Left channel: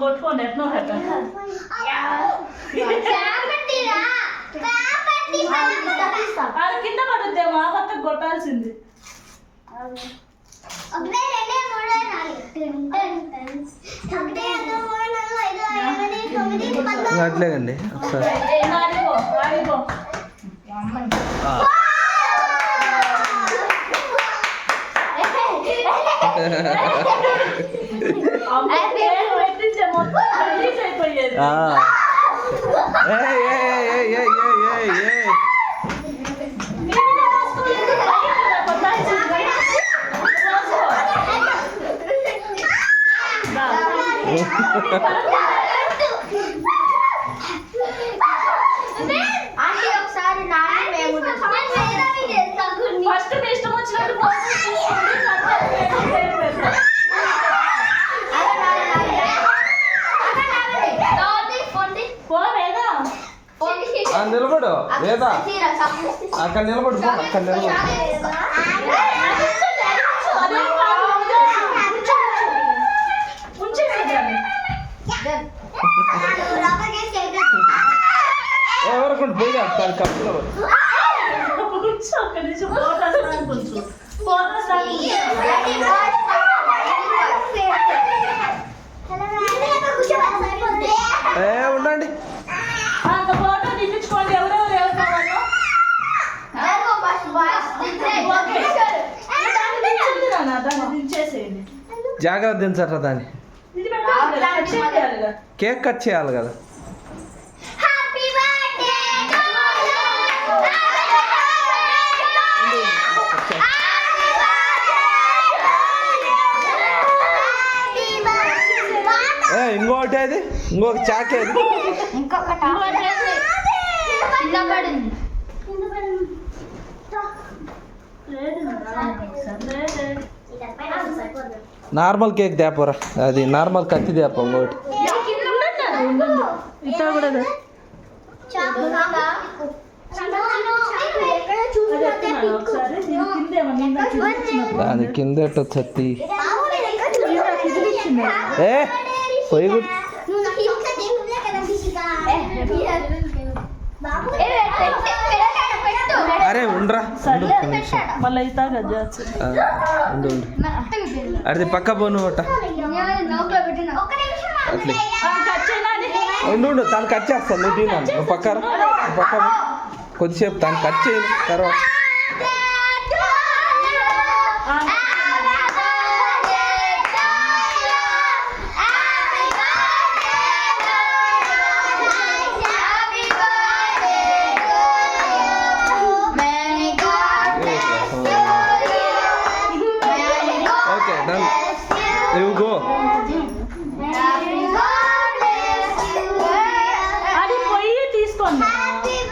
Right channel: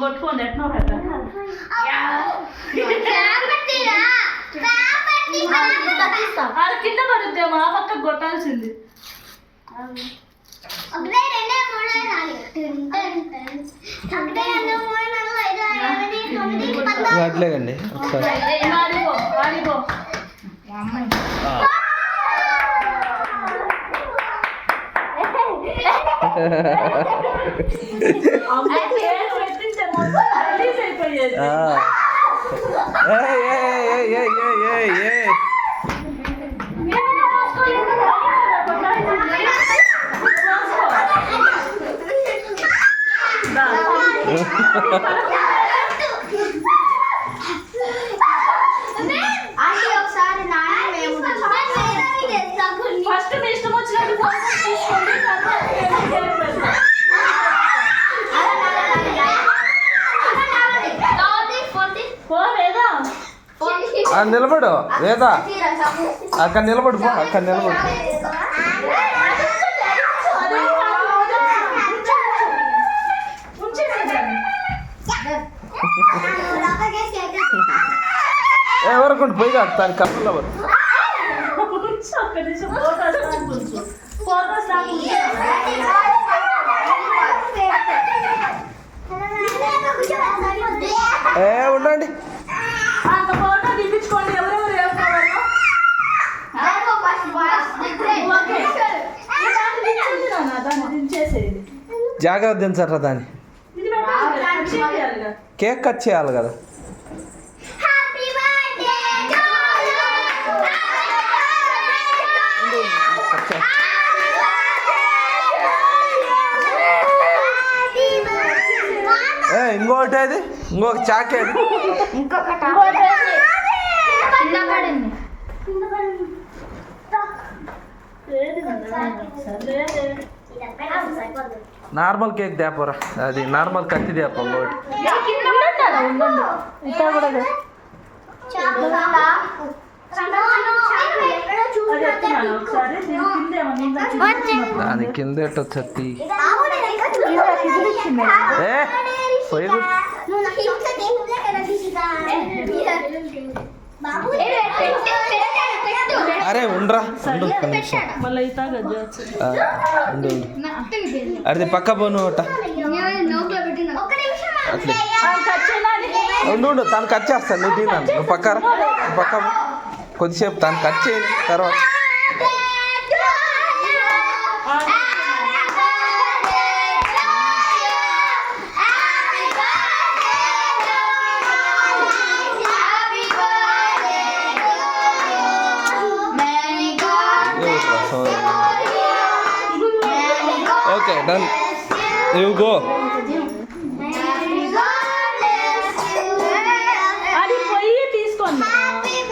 కొట్టుకోండి ఎట్లా అది కింద పడుద్దేమో ఆ పక్క కొట్టాల్సింది. అట్లేదండి ఒకసారి ఫస్ట్ మీ ఇష్టం వచ్చినట్టు నిలబడు వేదా అక్కడ నిలబడు అక్కడ నిలబడు. ఎవరికి పోయి కాదు దాని కప్పులో ఉండండి. ఫోటో తీపించుకోండి ఎవరెవరు జాగ్రత్త దించారా దాన్ని. కేక్ కట్ చేయాలి కదా. ఇంకోటి అది ఇంకొక చాకే అది నార్మల్ కేక్ తేపరా. అది నార్మల్ కత్తి తేప ఇంకోటి. దాని కింద ఎట్టొచ్చి పోయి అరే ఉండరా అది పక్క పోను అట్లా ఉండు తను కట్ చేస్తాను. నువ్వు తిన్నాను నువ్వు పక్క కొద్దిసేపు తను కట్ చేయాలి తర్వాత. Okay, done. You go.